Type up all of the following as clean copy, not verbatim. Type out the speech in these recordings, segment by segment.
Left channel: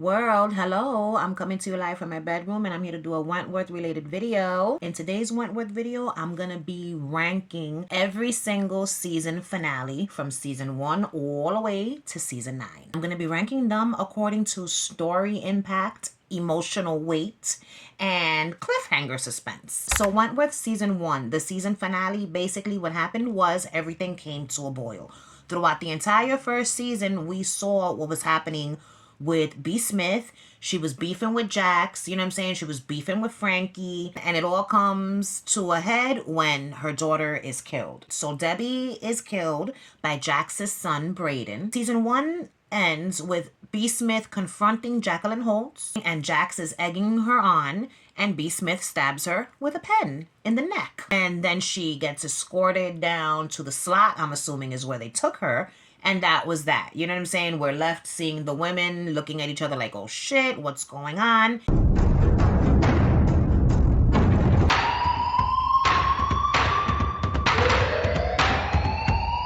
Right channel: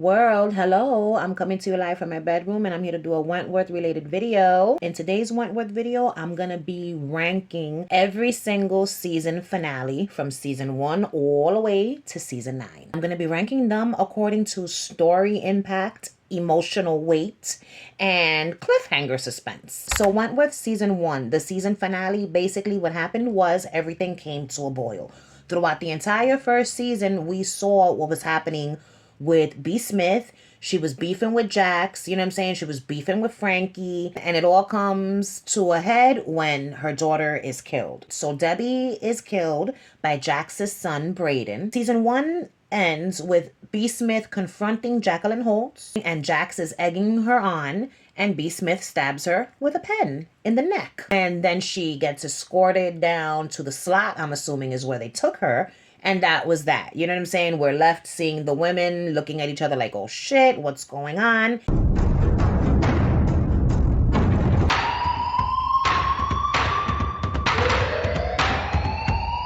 World, hello. I'm coming to you live from my bedroom and I'm here to do a Wentworth related video. In today's Wentworth video, I'm gonna be ranking every single season finale from season 1 all the way to season 9. I'm gonna be ranking them according to story impact, emotional weight, and cliffhanger suspense. So Wentworth season 1, the season finale, basically what happened was everything came to a boil. Throughout the entire first season, we saw what was happening with B. Smith. She was beefing with Jax, you know what I'm saying? She was beefing with Frankie, and it all comes to a head when her daughter is killed. So Debbie is killed by Jax's son, Braden. Season 1 ends with B. Smith confronting Jacqueline Holtz, and Jax is egging her on, and B. Smith stabs her with a pen in the neck. And then she gets escorted down to the slot, I'm assuming is where they took her. And that was that. You know what I'm saying? We're left seeing the women looking at each other like, oh shit, what's going on?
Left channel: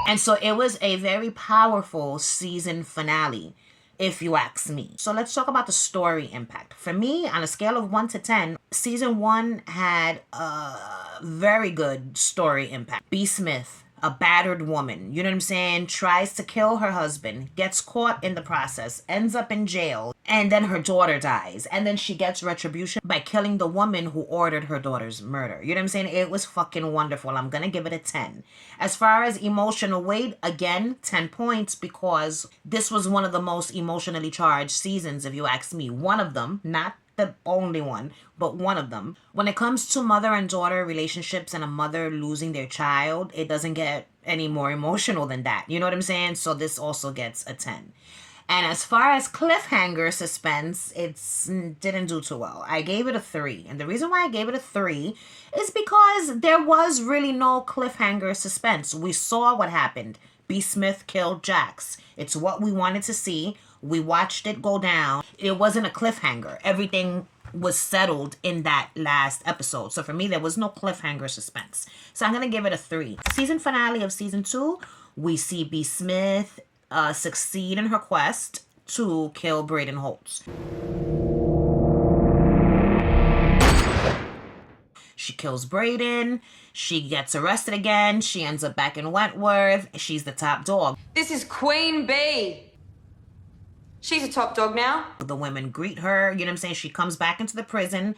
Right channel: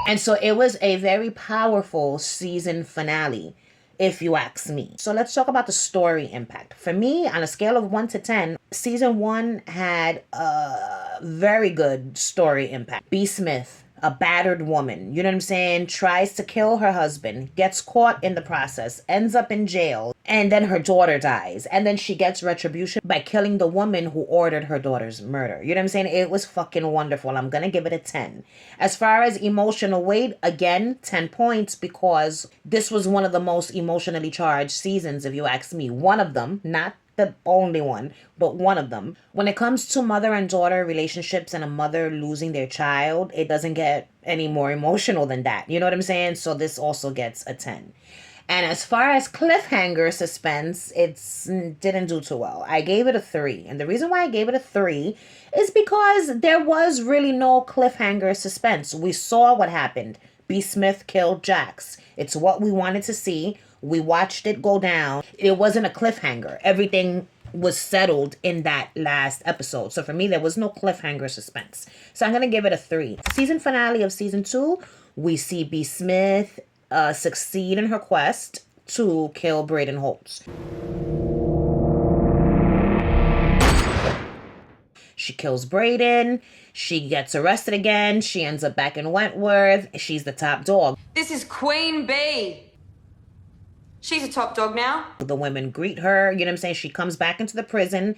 And so it was a very powerful season finale, if you ask me. So let's talk about the story impact. For me, on a scale of 1 to 10, season 1 had a very good story impact. B. Smith, a battered woman, you know what I'm saying, tries to kill her husband, gets caught in the process, ends up in jail, and then her daughter dies. And then she gets retribution by killing the woman who ordered her daughter's murder. You know what I'm saying? It was fucking wonderful. I'm gonna give it a 10. As far as emotional weight, again, 10 points, because this was one of the most emotionally charged seasons, if you ask me. One of them, not the only one, but one of them. When it comes to mother and daughter relationships and a mother losing their child, it doesn't get any more emotional than that. You know what I'm saying? So this also gets a 10. And as far as cliffhanger suspense, it didn't do too well. I gave it a 3. And the reason why I gave it a 3 is because there was really no cliffhanger suspense. We saw what happened. B. Smith killed Jax. It's what we wanted to see. We watched it go down. It wasn't a cliffhanger. Everything was settled in that last episode. So for me, there was no cliffhanger suspense. So I'm going to give it a 3. Season finale of season 2, we see B. Smith succeed in her quest to kill Braden Holtz. She kills Braden. She gets arrested again. She ends up back in Wentworth. She's the top dog. This is Queen Bee. She's a top dog now. The women greet her, you know what I'm saying? She comes back into the prison,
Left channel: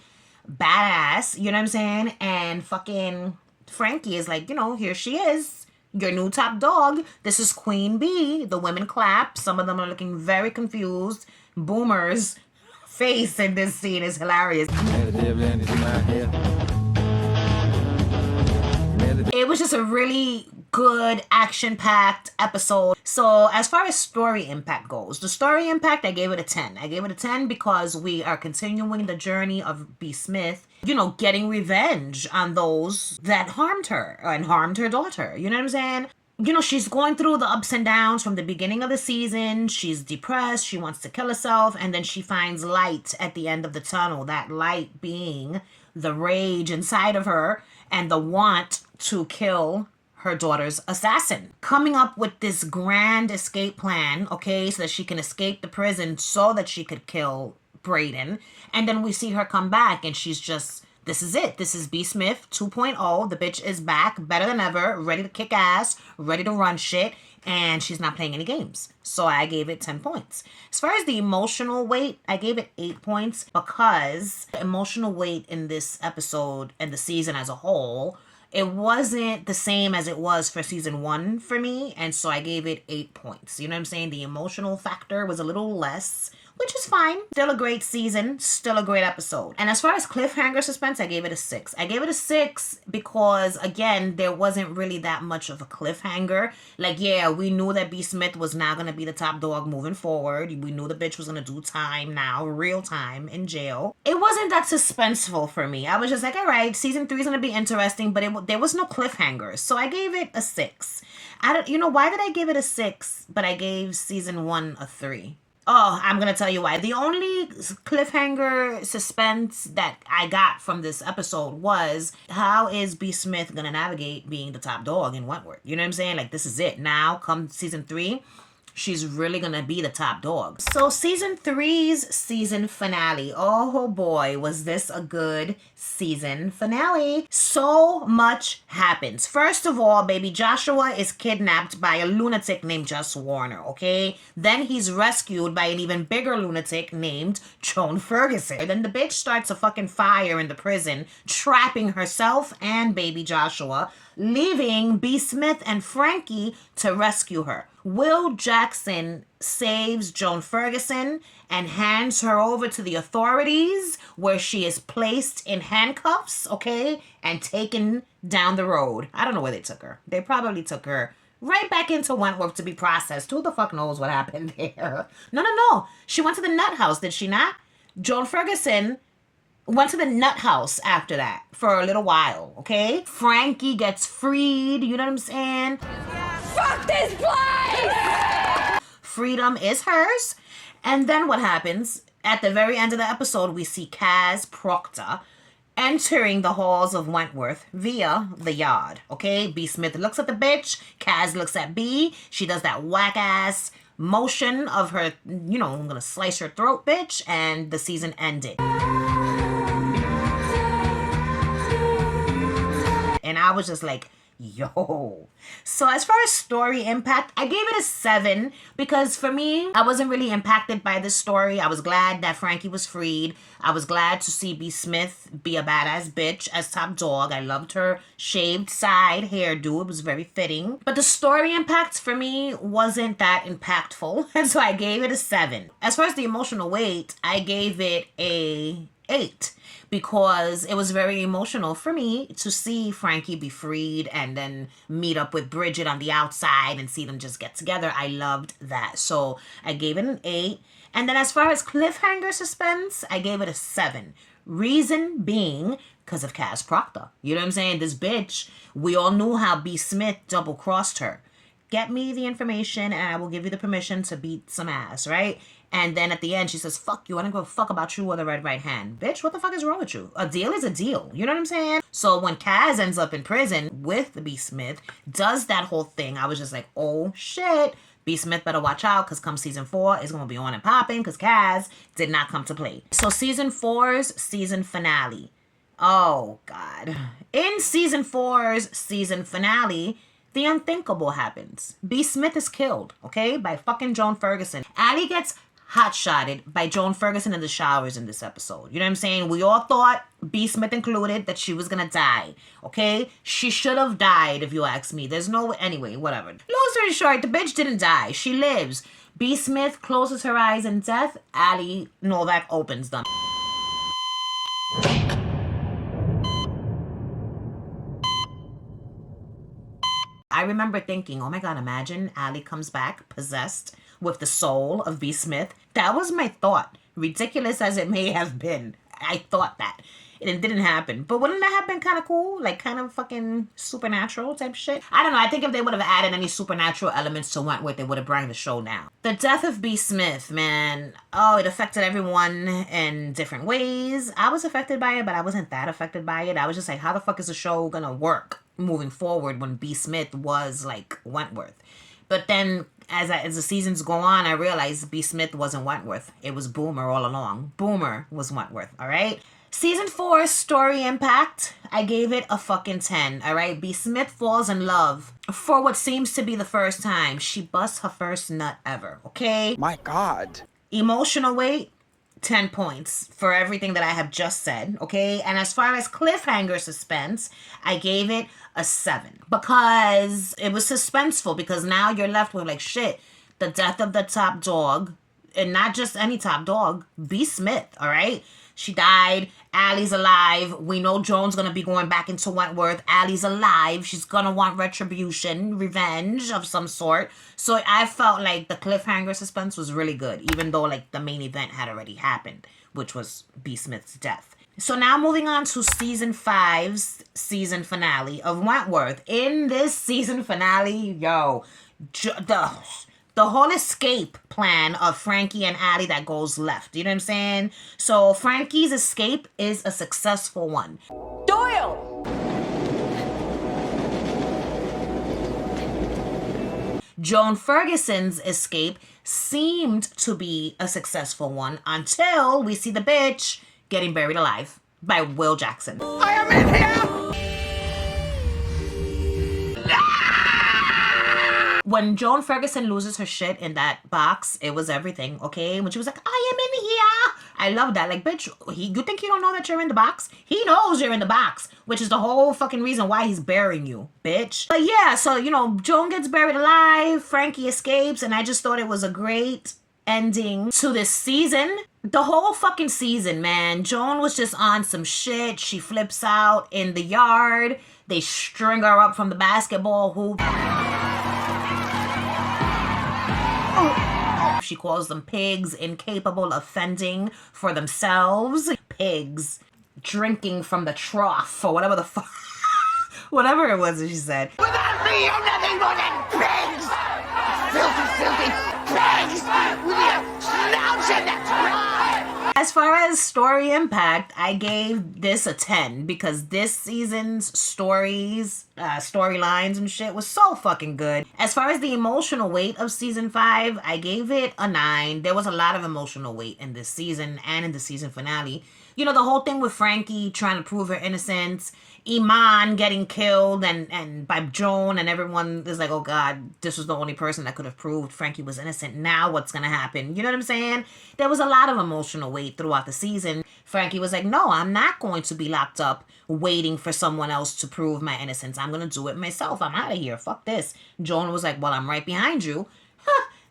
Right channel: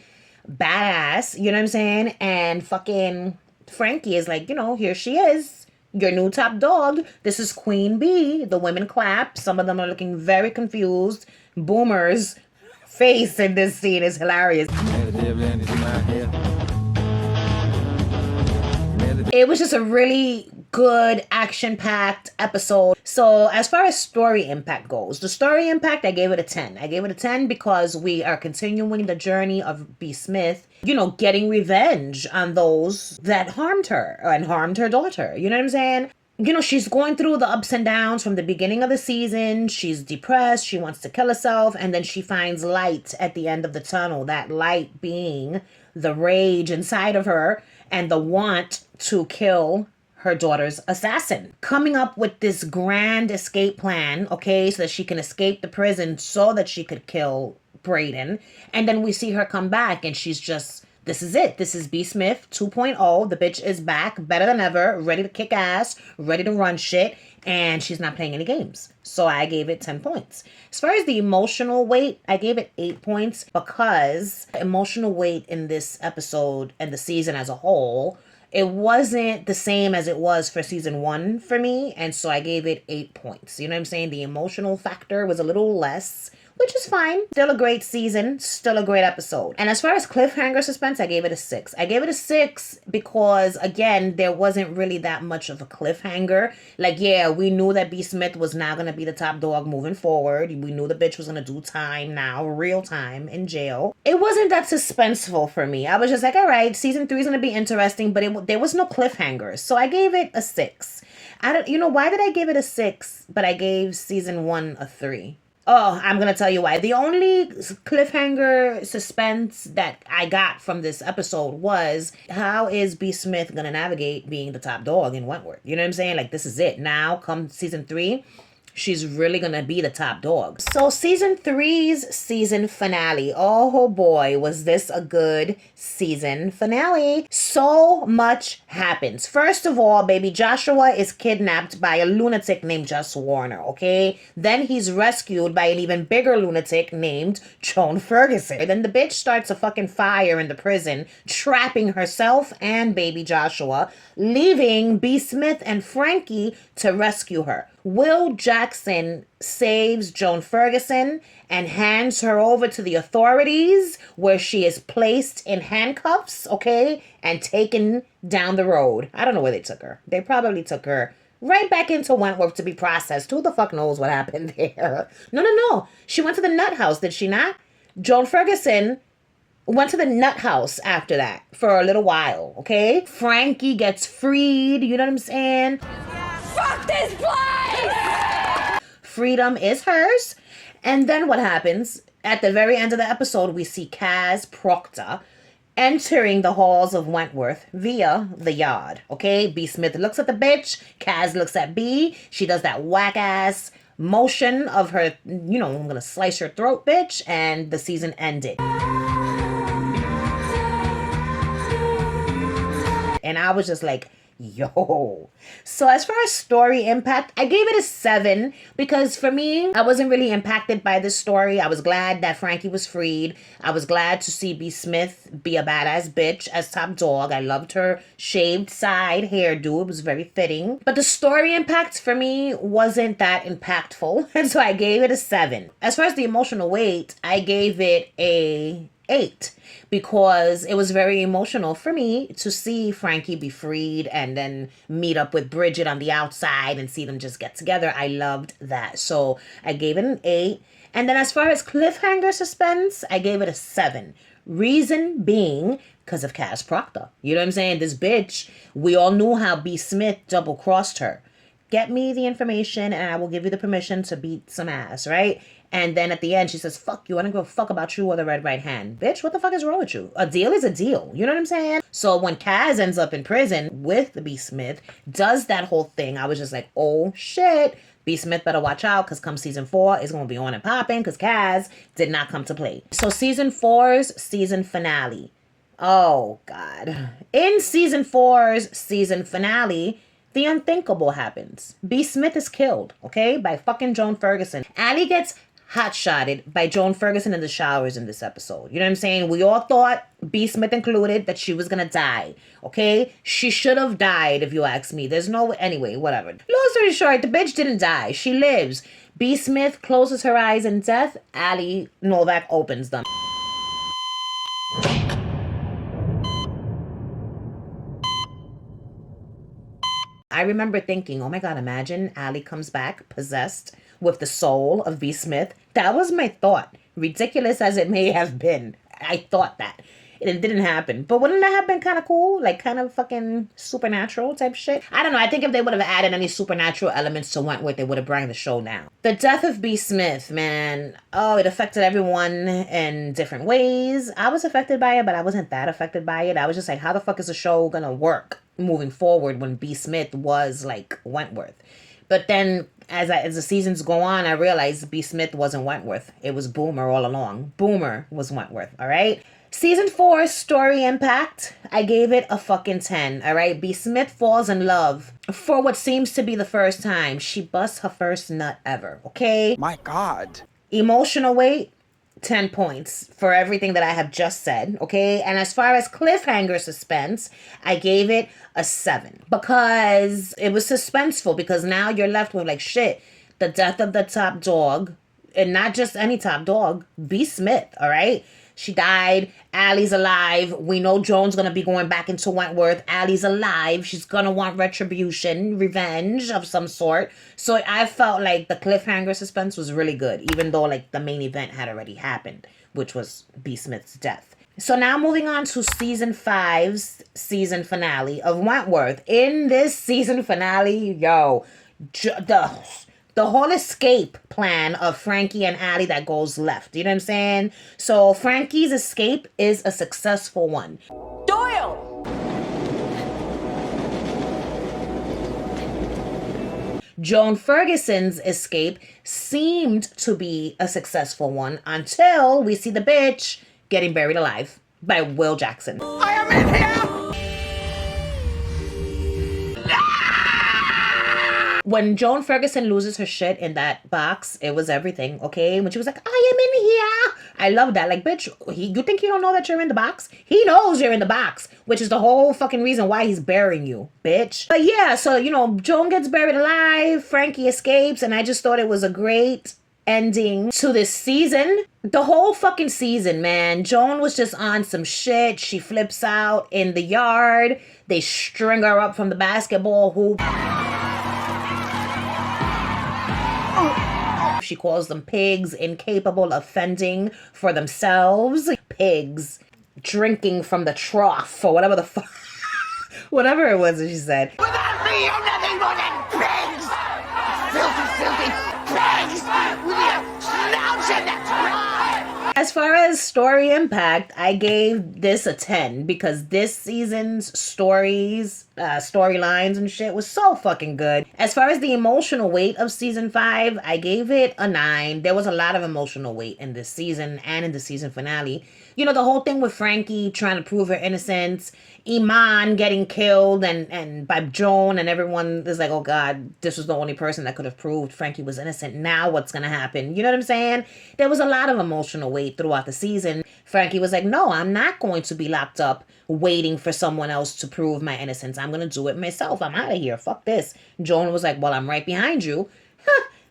badass, you know what I'm saying? And fucking Frankie is like, you know, here she is, your new top dog. This is Queen Bee. The women clap. Some of them are looking very confused. Boomer's face in this scene is hilarious. It was just a really good action-packed episode. So as far as story impact goes, the story impact, I gave it a 10. I gave it a 10 because we are continuing the journey of B. Smith, you know, getting revenge on those that harmed her and harmed her daughter. You know what I'm saying? You know, she's going through the ups and downs from the beginning of the season. She's depressed. She wants to kill herself. And then she finds light at the end of the tunnel. That light being the rage inside of her and the want to kill her daughter's assassin. Coming up with this grand escape plan, okay, so that she can escape the prison so that she could kill Braden. And then we see her come back and she's just, this is it. This is B. Smith 2.0. The bitch is back, better than ever, ready to kick ass, ready to run shit, and she's not playing any games. So I gave it 10 points. As far as the emotional weight, I gave it 8 points because the emotional weight in this episode and the season as a whole, it wasn't the same as it was for season 1 for me, and so I gave it 8 points. You know what I'm saying? The emotional factor was a little less, which is fine. Still a great season, still a great episode. And as far as cliffhanger suspense, I gave it a 6. I gave it a 6 because, again, there wasn't really that much of a cliffhanger. Like, yeah, we knew that B. Smith was not going to be the top dog moving forward. We knew the bitch was going to do time now, real time, in jail. It wasn't that suspenseful for me. I was just like, all right, season 3 is going to be interesting, but there was no cliffhangers. So I gave it a 6. You know, why did I give it a 6, but I gave season 1 a 3? Oh, I'm going to tell you why. The only cliffhanger suspense that I got from this episode was, how is B. Smith going to navigate being the top dog in Wentworth? You know what I'm saying? Like, this is it. Now, come season 3, she's really gonna be the top dog. So season 3's season finale. Oh boy, was this a good season finale. So much happens. First of all, baby Joshua is kidnapped by a lunatic named Just Warner, okay? Then he's rescued by an even bigger lunatic named Joan Ferguson. And then the bitch starts a fucking fire in the prison, trapping herself and baby Joshua, leaving B. Smith and Frankie to rescue her. Will Jackson saves Joan Ferguson and hands her over to the authorities, where she is placed in handcuffs, okay, and taken down the road. I don't know where they took her. They probably took her right back into Wentworth to be processed. Who the fuck knows what happened there? No. She went to the nut house, did she not? Joan Ferguson went to the nut house after that for a little while, okay? Frankie gets freed, you know what I'm saying? Fuck this place! Freedom is hers. And then what happens? At the very end of the episode, we see Kaz Proctor entering the halls of Wentworth via the yard, okay? B. Smith looks at the bitch. Kaz looks at B. She does that whack-ass motion of her, you know, I'm gonna slice your throat, bitch. And the season ended. And I was just like, yo. So as far as story impact, I gave it a 7 because for me, I wasn't really impacted by this story. I was glad that Frankie was freed. I was glad to see B. Smith be a badass bitch as top dog. I loved her shaved side hairdo. It was very fitting. But the story impact for me wasn't that impactful. And so I gave it a 7. As far as the emotional weight, I gave it a 8 because it was very emotional for me to see Frankie be freed and then meet up with Bridget on the outside and see them just get together. I loved that. So I gave it an 8. And then as far as cliffhanger suspense, I gave it a 7. Reason being because of Kaz Proctor. You know what I'm saying? This bitch, we all knew how B. Smith double-crossed her. Get me the information and I will give you the permission to beat some ass, right? And then at the end, she says, fuck you. I don't give a fuck about you or the red right hand. Bitch, what the fuck is wrong with you? A deal is a deal. You know what I'm saying? So when Kaz ends up in prison with B. Smith, does that whole thing, I was just like, oh shit. B. Smith better watch out because come season 4, it's going to be on and popping because Kaz did not come to play. So season 4's season finale. Oh, God. In season 4's season finale, the unthinkable happens. B. Smith is killed, okay, by fucking Joan Ferguson. Allie gets hot-shotted by Joan Ferguson in the showers in this episode. You know what I'm saying? We all thought, B. Smith included, that she was gonna die, okay? She should have died, if you ask me. There's no... Anyway, whatever. Long story short, the bitch didn't die. She lives. B. Smith closes her eyes in death. Allie Novak opens them. I remember thinking, oh my God, imagine Allie comes back possessed with the soul of B. Smith. That was my thought. Ridiculous as it may have been. I thought that. It didn't happen. But wouldn't that have been kind of cool? Like kind of fucking supernatural type shit? I don't know. I think if they would have added any supernatural elements to Wentworth, they would have brought the show down. The death of B. Smith, man. Oh, it affected everyone in different ways. I was affected by it, but I wasn't that affected by it. I was just like, how the fuck is the show gonna work moving forward when B. Smith was like Wentworth? But then as the seasons go on, I realized B. Smith wasn't Wentworth. It was Boomer all along. Boomer was Wentworth, all right? Season 4 story impact, I gave it a fucking 10, all right? B. Smith falls in love for what seems to be the first time. She busts her first nut ever, okay? My God. Emotional weight, 10 points for everything that I have just said, okay? And as far as cliffhanger suspense, I gave it a 7 because it was suspenseful, because now you're left with like, shit, the death of the top dog, and not just any top dog, B. Smith, all right? She died. Allie's alive. We know Joan's going to be going back into Wentworth. Allie's alive. She's going to want retribution, revenge of some sort. So I felt like the cliffhanger suspense was really good, even though like the main event had already happened, which was B. Smith's death. So now moving on to season 5's season finale of Wentworth. In this season finale, yo, the whole escape plan of Frankie and Allie that goes left. You know what I'm saying? So Frankie's escape is a successful one. Doyle! Joan Ferguson's escape seemed to be a successful one until we see the bitch getting buried alive by Will Jackson. I am in here! When Joan Ferguson loses her shit in that box, it was everything, okay? When she was like, I am in here. I love that. Like, bitch, you think you don't know that you're in the box? He knows you're in the box, which is the whole fucking reason why he's burying you, bitch. But yeah, so, Joan gets buried alive, Frankie escapes, and I just thought it was a great ending to this season. The whole fucking season, man. Joan was just on some shit. She flips out in the yard. They string her up from the basketball hoop. She calls them pigs, incapable of fending for themselves. Pigs drinking from the trough or whatever the fuck. Whatever it was that she said. Without me, you're nothing more than pigs! Filthy, filthy pigs! With your snouts in the trough! As far as story impact, I gave this a 10 because this season's storylines and shit was so fucking good. As far as the emotional weight of season 5, I gave it a 9. There was a lot of emotional weight in this season and in the season finale. The whole thing with Frankie trying to prove her innocence, Iman getting killed and by Joan, and everyone is like, oh God, this was the only person that could have proved Frankie was innocent. Now what's gonna happen? You know what I'm saying? There was a lot of emotional weight throughout the season. Frankie was like, no, I'm not going to be locked up waiting for someone else to prove my innocence. I'm gonna do it myself. I'm out of here. Fuck this. Joan was like, well, I'm right behind you.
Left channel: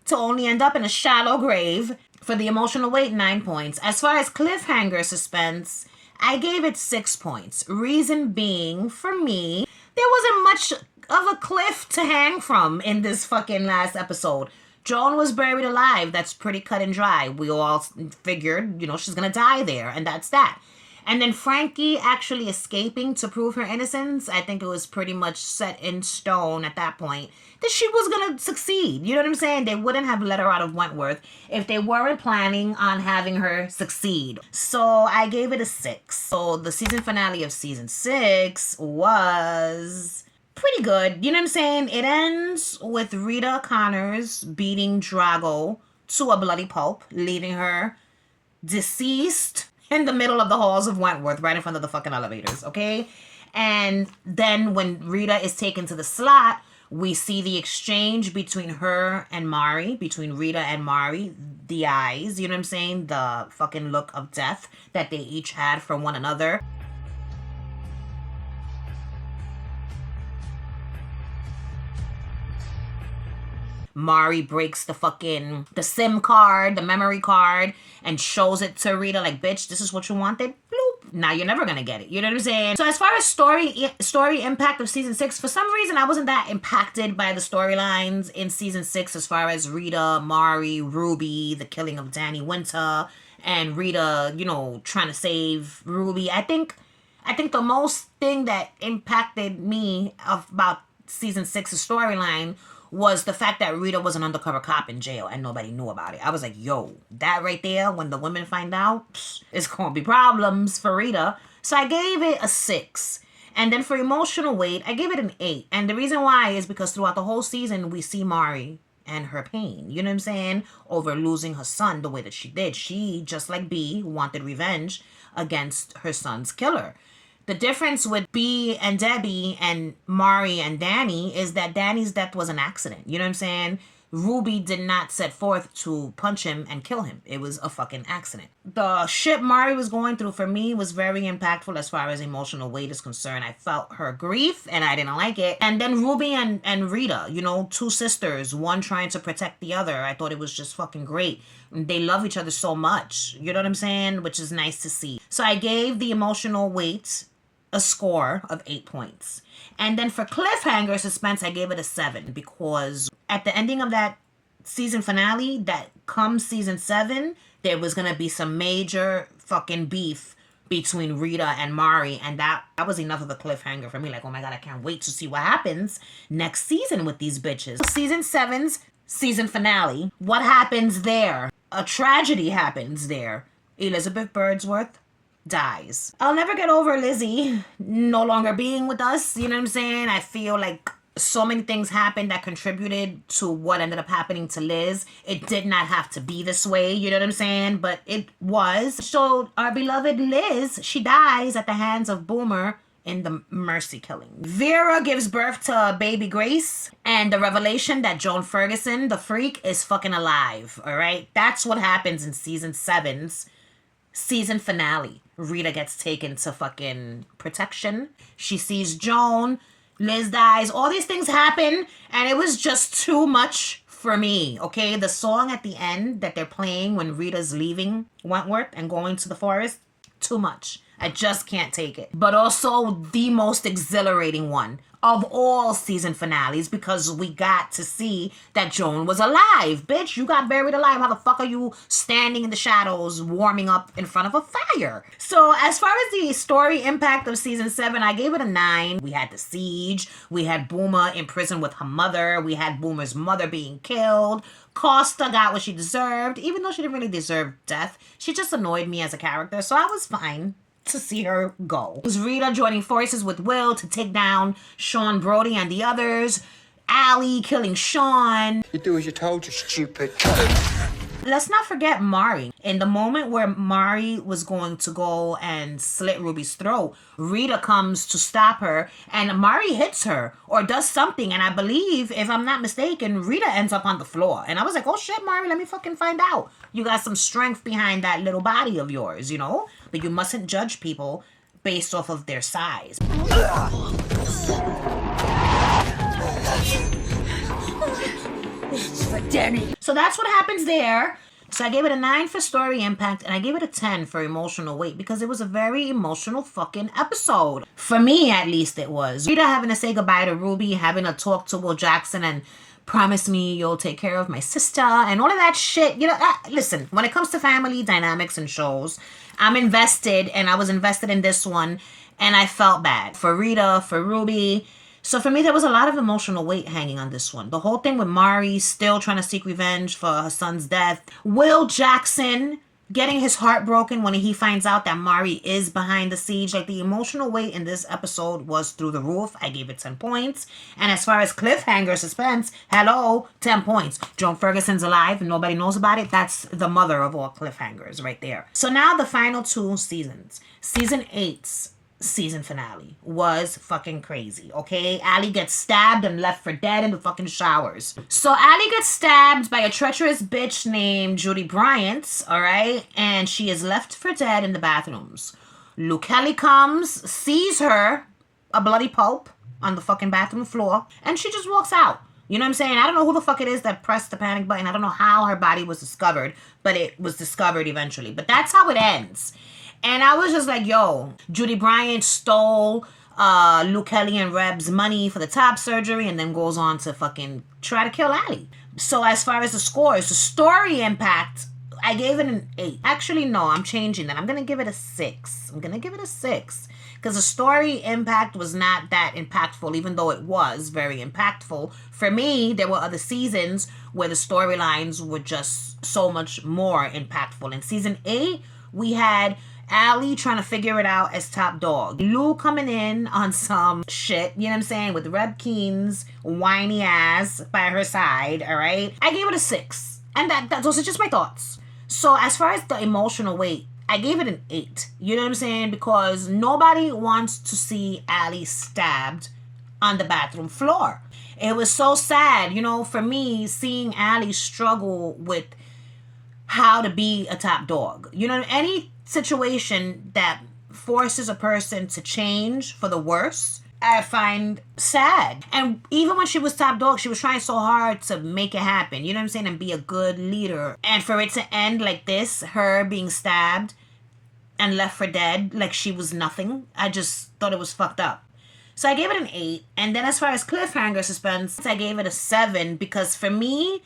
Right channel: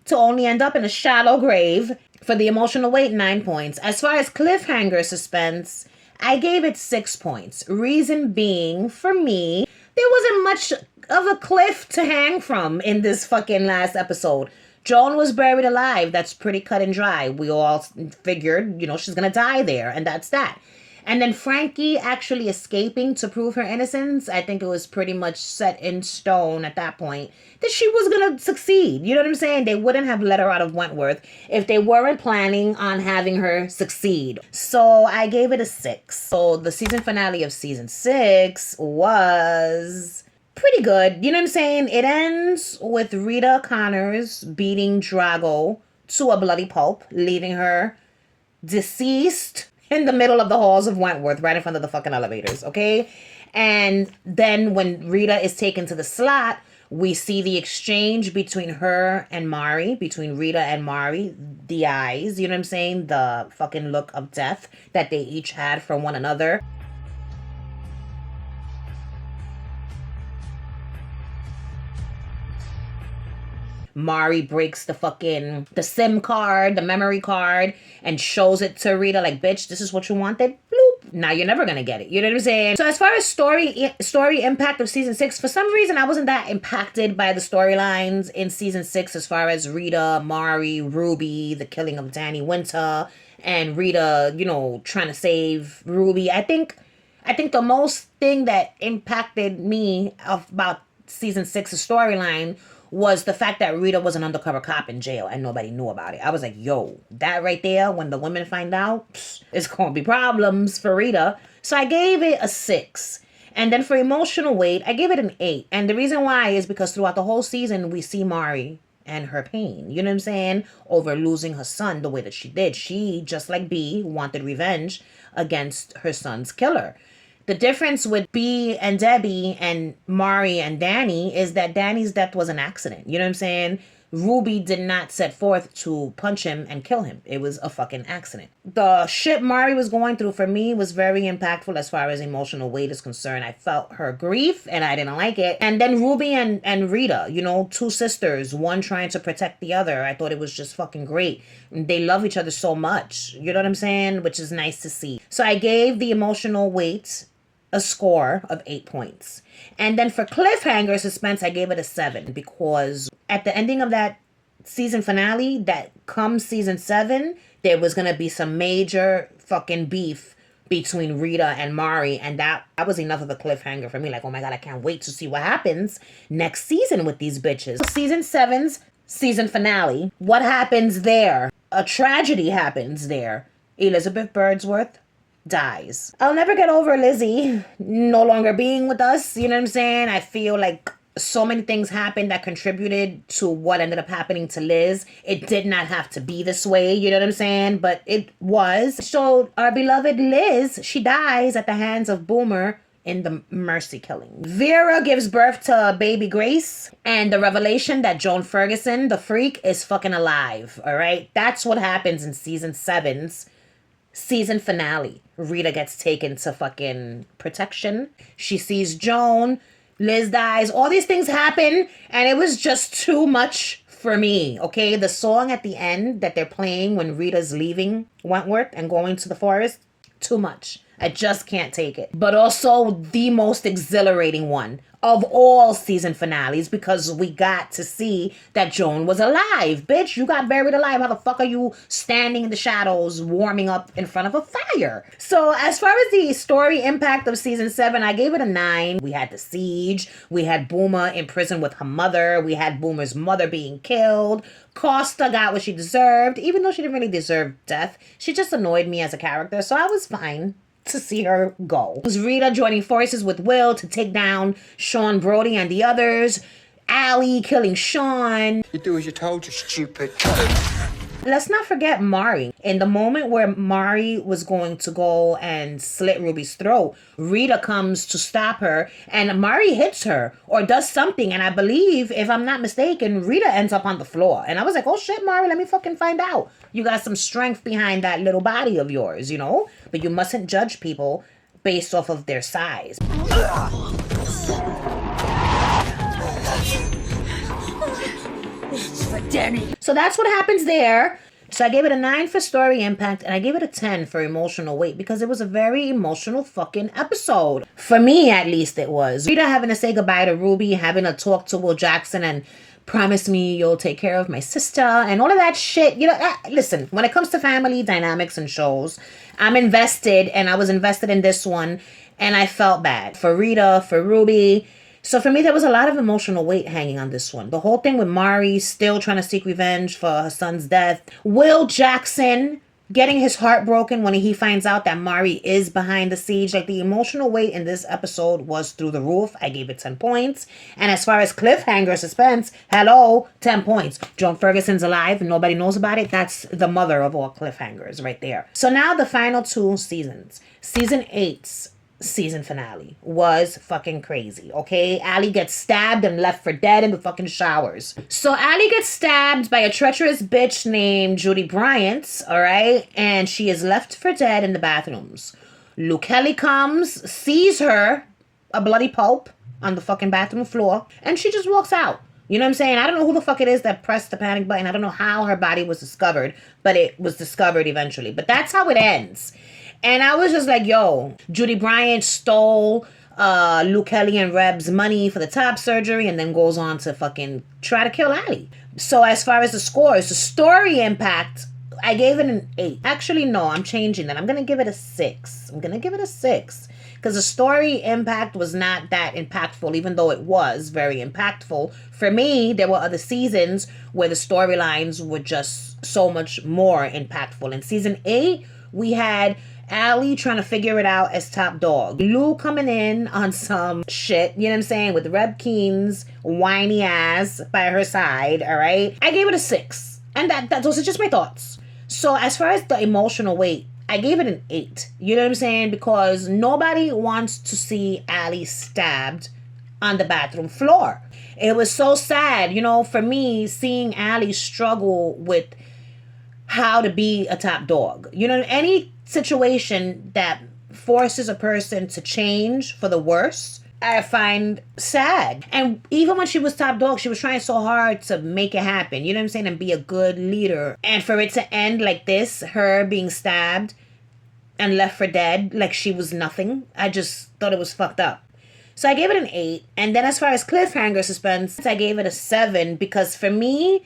To only end up in a shallow grave. For the emotional weight, 9 points. As far as cliffhanger suspense, I gave it 6 points. Reason being, for me, there wasn't much of a cliff to hang from in this fucking last episode. Joan was buried alive. That's pretty cut and dry. We all figured, she's gonna die there, and that's that. And then Frankie actually escaping to prove her innocence, I think it was pretty much set in stone at that point that she was going to succeed. You know what I'm saying? They wouldn't have let her out of Wentworth if they weren't planning on having her succeed. So I gave it a 6. So the season finale of season 6 was pretty good. You know what I'm saying? It ends with Rita Connors beating Drago to a bloody pulp, leaving her deceased in the middle of the halls of Wentworth, right in front of the fucking elevators, okay? And then when Rita is taken to the slot, we see the exchange between her and Mari, between Rita and Mari, the eyes, you know what I'm saying? The fucking look of death that they each had for one another. Mari breaks the SIM card, the memory card, and shows it to Rita like, bitch, this is what you wanted? Bloop. Now you're never gonna get it. You know what I'm saying? So as far as story impact of season 6, for some reason I wasn't that impacted by the storylines in season 6 as far as Rita, Mari, Ruby, the killing of Danny Winter, and Rita, trying to save Ruby. I think the most thing that impacted me about season 6's storyline was the fact that Rita was an undercover cop in jail and nobody knew about it. I was like, yo, that right there, when the women find out, it's going to be problems for Rita. So I gave it a 6. And then for emotional weight, I gave it an 8. And the reason why is because throughout the whole season, we see Mari and her pain. You know what I'm saying? Over losing her son the way that she did. She, just like B, wanted revenge against her son's killer. The difference with B and Debbie and Mari and Danny is that Danny's death was an accident. You know what I'm saying? Ruby did not set forth to punch him and kill him. It was a fucking accident. The shit Mari was going through for me was very impactful as far as emotional weight is concerned. I felt her grief and I didn't like it. And then Ruby and Rita, 2 sisters, one trying to protect the other. I thought it was just fucking great. They love each other so much. You know what I'm saying? Which is nice to see. So I gave the emotional weight a score of 8 points. And then for cliffhanger suspense, I gave it a 7 because at the ending of that season finale, that comes season 7, there was going to be some major fucking beef between Rita and Mari, and that was enough of a cliffhanger for me. Like, oh my God, I can't wait to see what happens next season with these bitches. Season 7's season finale. What happens there? A tragedy happens there. Elizabeth Birdsworth dies. I'll never get over Lizzie no longer being with us. You know what I'm saying? I feel like so many things happened that contributed to what ended up happening to Liz. It did not have to be this way, you know what I'm saying? But it was. So our beloved Liz, she dies at the hands of Boomer in the mercy killing. Vera gives birth to baby Grace, and the revelation that Joan Ferguson, the freak, is fucking alive, all right? That's what happens in season 7's season finale. Rita gets taken to fucking protection. She sees Joan. Liz dies. All these things happen, and it was just too much for me, okay? The song at the end that they're playing when Rita's leaving Wentworth and going to the forest, too much. I just can't take it. But also the most exhilarating one of all season finales, because we got to see that Joan was alive. Bitch, you got buried alive. How the fuck are you standing in the shadows warming up in front of a fire? So as far as the story impact of season 7, I gave it a 9. We had the siege. We had Boomer in prison with her mother. We had Boomer's mother being killed. Costa got what she deserved, even though she didn't really deserve death. She just annoyed me as a character, so I was fine to see her go. It was Rita joining forces with Will to take down Sean Brody and the others. Allie killing Sean. You do as you're told, you stupid. Let's not forget Mari. In the moment where Mari was going to go and slit Ruby's throat, Rita comes to stop her, and Mari hits her or does something, and I believe, if I'm not mistaken, Rita ends up on the floor. And I was like, oh shit, Mari, let me fucking find out. You got some strength behind that little body of yours, you know? But you mustn't judge people based off of their size. This is for Danny. So that's what happens there. So I gave it a 9 for story impact, and I gave it a 10 for emotional weight, because it was a very emotional fucking episode. For me, at least, it was. Rita having to say goodbye to Ruby, having to talk to Will Jackson and promise me you'll take care of my sister and all of that shit. You know, listen, when it comes to family dynamics and shows, I'm invested, and I was invested in this one, and I felt bad for Rita, for Ruby. So for me, there was a lot of emotional weight hanging on this one. The whole thing with Mari still trying to seek revenge for her son's death. Will Jackson getting his heart broken when he finds out that Mari is behind the siege. Like, the emotional weight in this episode was through the roof. I gave it 10 points. And as far as cliffhanger suspense, hello, 10 points. Joan Ferguson's alive and nobody knows about it. That's the mother of all cliffhangers right there. So now the final 2 seasons. Season 8's season finale was fucking crazy, okay? Allie gets stabbed and left for dead in the fucking showers. So Allie gets stabbed by a treacherous bitch named Judy Bryant, all right? And she is left for dead in the bathrooms. Luke Kelly comes, sees her, a bloody pulp, on the fucking bathroom floor, and she just walks out. You know what I'm saying? I don't know who the fuck it is that pressed the panic button. I don't know how her body was discovered, but it was discovered eventually. But that's how it ends. And I was just like, yo, Judy Bryant stole Luke Kelly and Reb's money for the top surgery and then goes on to fucking try to kill Allie. So as far as the scores, the story impact, I gave it an 8. Actually, no, I'm changing that. I'm going to give it a 6. I'm going to give it a 6. Because the story impact was not that impactful, even though it was very impactful. For me, there were other seasons where the storylines were just so much more impactful. In season 8, we had Allie trying to figure it out as top dog. Lou coming in on some shit, you know what I'm saying, with Reb Keen's whiny ass by her side, all right? I gave it a 6. And those are just my thoughts. So as far as the emotional weight, I gave it an 8. You know what I'm saying? Because nobody wants to see Allie stabbed on the bathroom floor. It was so sad, you know, for me, seeing Allie struggle with how to be a top dog. You know, any situation that forces a person to change for the worse, I find sad. And even when she was top dog, she was trying so hard to make it happen, you know what I'm saying, and be a good leader. And for it to end like this, her being stabbed and left for dead, like she was nothing, I just thought it was fucked up. So I gave it an 8. And then as far as cliffhanger suspense, I gave it a 7, because for me,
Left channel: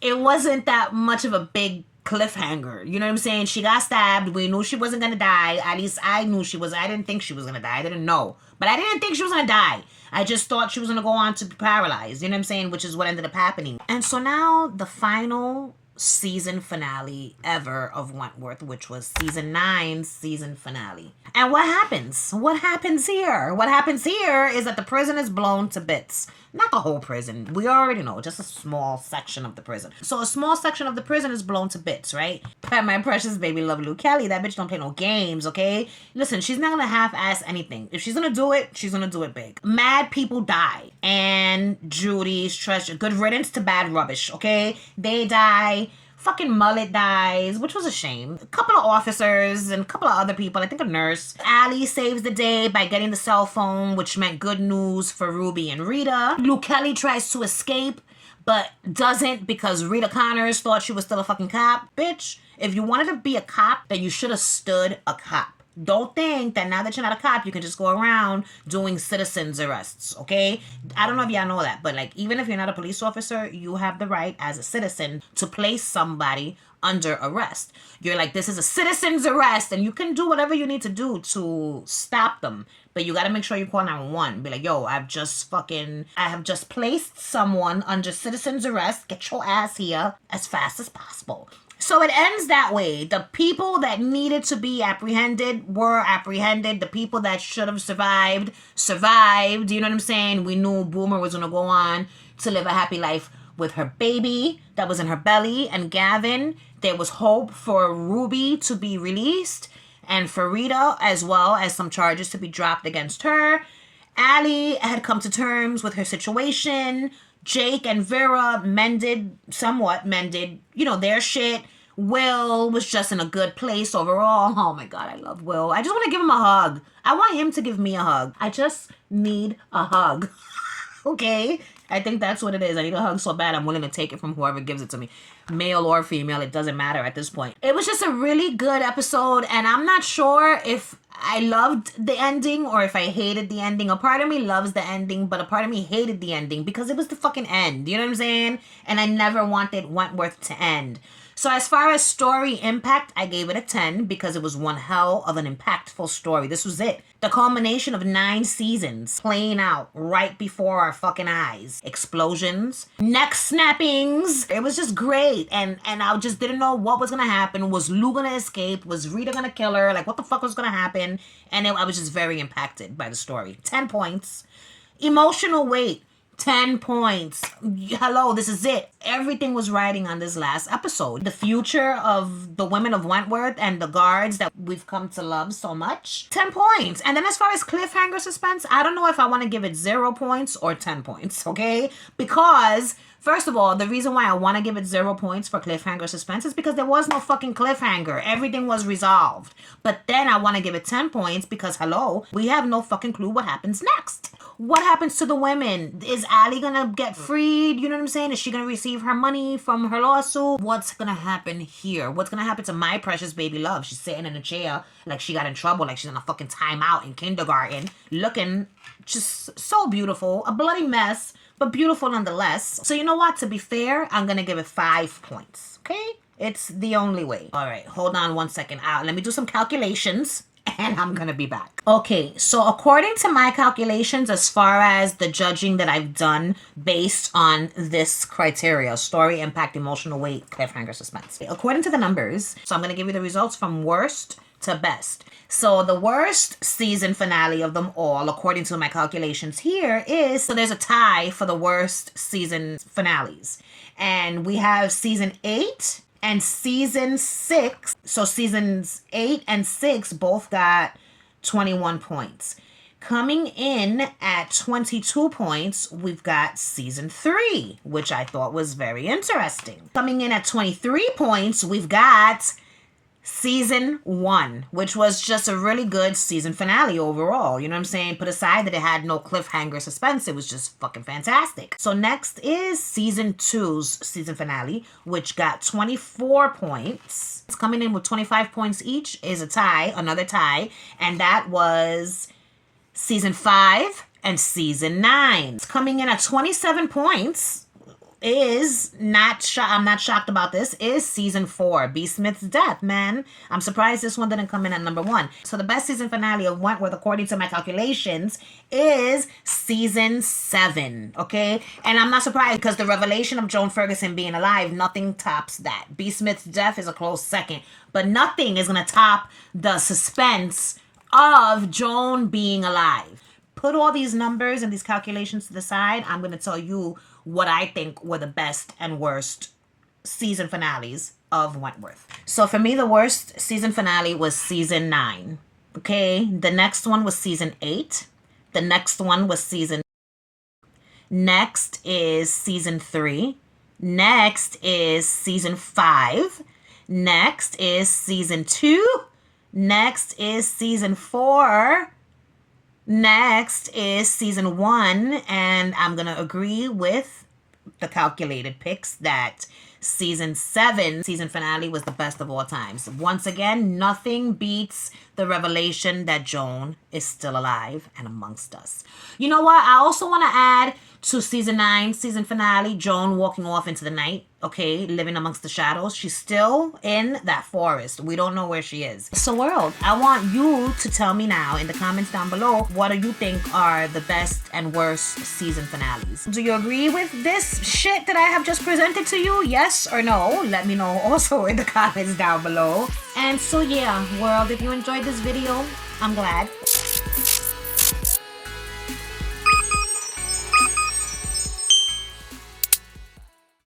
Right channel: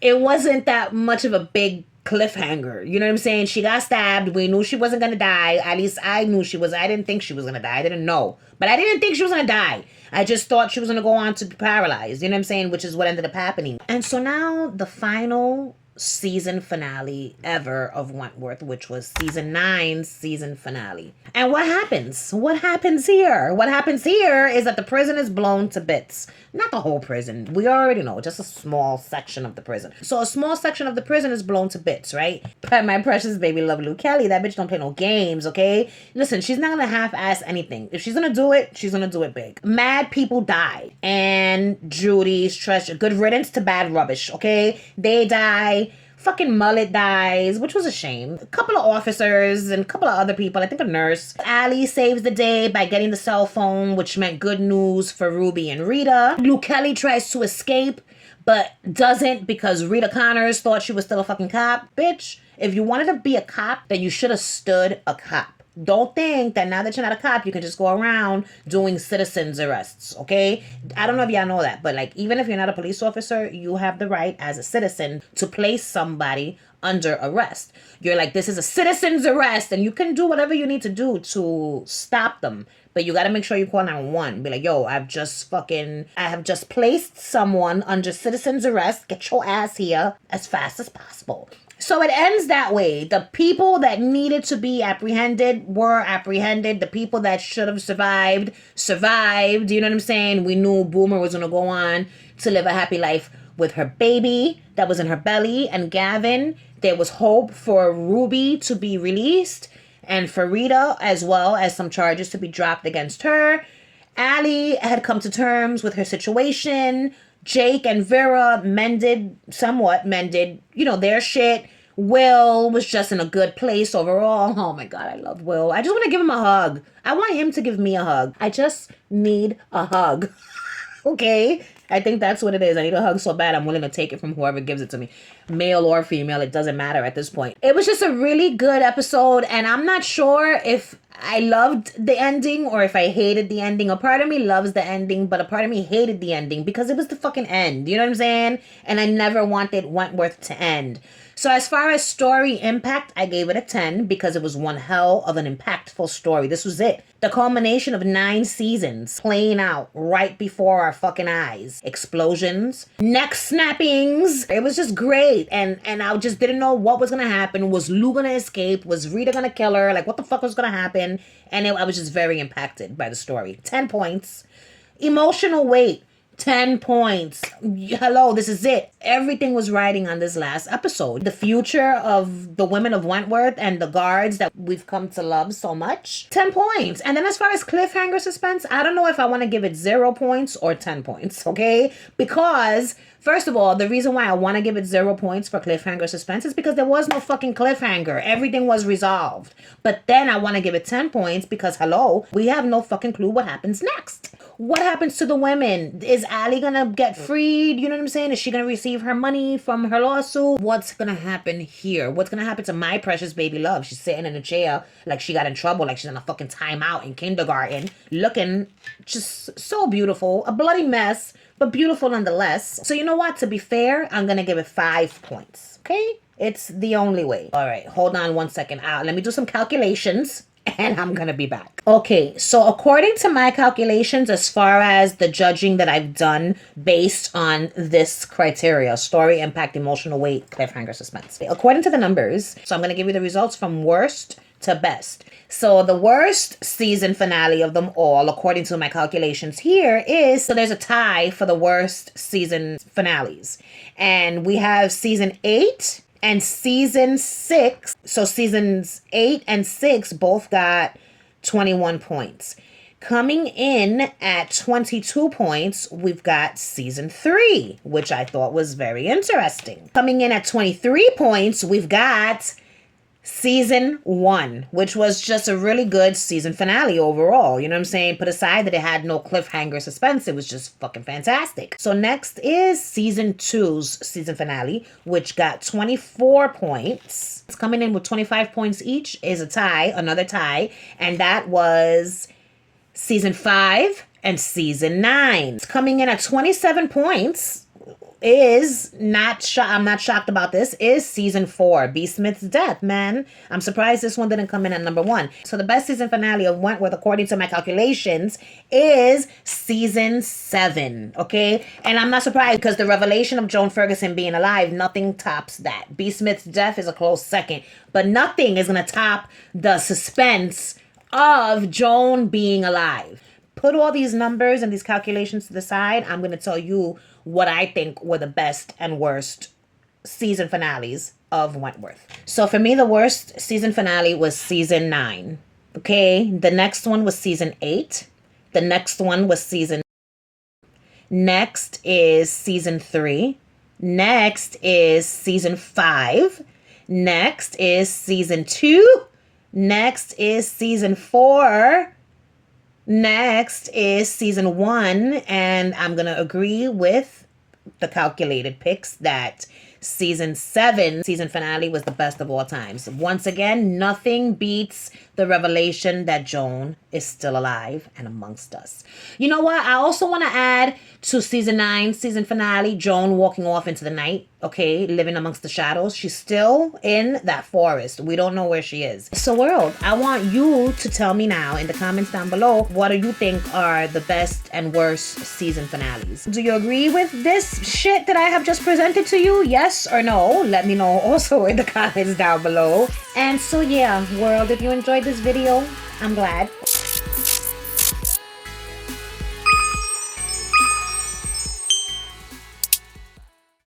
it wasn't that much of a big cliffhanger. You know what I'm saying? She got stabbed. We knew she wasn't going to die. At least I knew she was. I didn't think she was going to die. I didn't know. But I didn't think she was going to die. I just thought she was going to go on to be paralyzed. You know what I'm saying? Which is what ended up happening. And so now the final season finale ever of Wentworth, which was season 9's season finale. And what happens? What happens here? What happens here is that the prison is blown to bits. Not the whole prison. We already know, just a small section of the prison. So a small section of the prison is blown to bits, right? But my precious baby love Luke Kelly. That bitch don't play no games, okay? Listen, she's not gonna half-ass anything. If she's gonna do it, she's gonna do it big. Mad people die. And Judy's treasure. Good riddance to bad rubbish, okay? They die. Fucking Mullet dies, which was a shame. A couple of officers and a couple of other people, I think a nurse. Allie saves the day by getting the cell phone, which meant good news for Ruby and Rita. Luke Kelly tries to escape, but doesn't because Rita Connors thought she was still a fucking cop. Bitch, if you wanted to be a cop, then you should have stood a cop. Don't think that now that you're not a cop, you can just go around doing citizens arrests, okay? I don't know if y'all know that, but like, even if you're not a police officer, you have the right as a citizen to place somebody under arrest. You're like, this is a citizen's arrest, and you can do whatever you need to do to stop them. But you got to make sure you call 911. Be like, yo, I have just placed someone under citizen's arrest. Get your ass here as fast as possible. So it ends that way. The people that needed to be apprehended were apprehended. The people that should have survived. You know what I'm saying? We knew Boomer was going to go on to live a happy life with her baby that was in her belly. And Gavin, there was hope for Ruby to be released. And for Rita, as well as some charges to be dropped against her. Allie had come to terms with her situation. Jake and Vera somewhat mended, their shit. Will was just in a good place overall. Oh my God, I love Will. I just want to give him a hug. I want him to give me a hug. I just need a hug. Okay? I think that's what it is. I need a hug so bad I'm willing to take it from whoever gives it to me. Male or female, it doesn't matter at this point. It was just a really good episode, and I'm not sure if I loved the ending or if I hated the ending. A part of me loves the ending, but a part of me hated the ending because it was the fucking end. You know what I'm saying? And I never wanted Wentworth to end. So as far as story impact, I gave it a 10 because it was one hell of an impactful story. This was it. The culmination of 9 seasons playing out right before our fucking eyes. Explosions, neck snappings. It was just great. And I just didn't know what was going to happen. Was Lou going to escape? Was Rita going to kill her? Like, what the fuck was going to happen? And I was just very impacted by the story. 10 points. Emotional weight. 10 points. Hello, this is it. Everything was riding on this last episode. The future of the women of Wentworth and the guards that we've come to love so much. 10 points. And then as far as cliffhanger suspense, I don't know if I want to give it 0 points or 10 points, okay? Because, first of all, the reason why I want to give it 0 points for cliffhanger suspense is because there was no fucking cliffhanger. Everything was resolved. But then I want to give it 10 points because, hello, we have no fucking clue what happens next. What happens to the women? Is Allie gonna get freed? You know what I'm saying? Is she gonna receive her money from her lawsuit? What's gonna happen here? What's gonna happen to my precious baby love? She's sitting in a chair like she got in trouble, like she's in a fucking timeout in kindergarten, looking just so beautiful. A bloody mess, but beautiful nonetheless. So you know what? To be fair, I'm gonna give it 5 points. Okay? It's the only way. All right, hold on 1 second. Let me do some calculations. And I'm gonna be back. Okay, so according to my calculations, as far as the judging that I've done based on this criteria, story, impact, emotional weight, cliffhanger, suspense. According to the numbers, so I'm gonna give you the results from worst to best. So the worst season finale of them all, according to my calculations here, is, so there's a tie for the worst season finales. And we have season 8 and season 6. So seasons 8 and 6 both got 21 points. Coming in at 22 points, we've got season 3, which I thought was very interesting. Coming in at 23 points, we've got season 1, which was just a really good season finale overall. You know what I'm saying? Put aside that it had no cliffhanger suspense, it was just fucking fantastic. So next is season 2's season finale, which got 24 points. It's coming in with 25 points each is a tie, another tie, and that was season 5 and season 9. It's coming in at 27 points. is not I'm not shocked about this, is season 4, B. Smith's death, man. I'm surprised this one didn't come in at number 1. So the best season finale of Wentworth, according to my calculations, is season 7, okay? And I'm not surprised because the revelation of Joan Ferguson being alive, nothing tops that. B. Smith's death is a close second, but nothing is going to top the suspense of Joan being alive. Put all these numbers and these calculations to the side. I'm going to tell you what I think were the best and worst season finales of Wentworth. So for me, the worst season finale was season 9. Okay, the next one was season 8. The next one was season. Next is season 3. Next is season 5. Next is season 2. Next is season 4. Next is season 1, and I'm going to agree with the calculated picks that season 7 season finale was the best of all times. Once again, nothing beats the revelation that Joan is still alive and amongst us. You know what? I also want to add to season 9 season finale, Joan walking off into the night, okay, living amongst the shadows. She's still in that forest. We don't know where she is. So world, I want you to tell me now in the comments down below, what do you think are the best and worst season finales? Do you agree with this shit that I have just presented to you? Yes or no? Let me know also in the comments down below. And so yeah, world, if you enjoyed this video, I'm glad.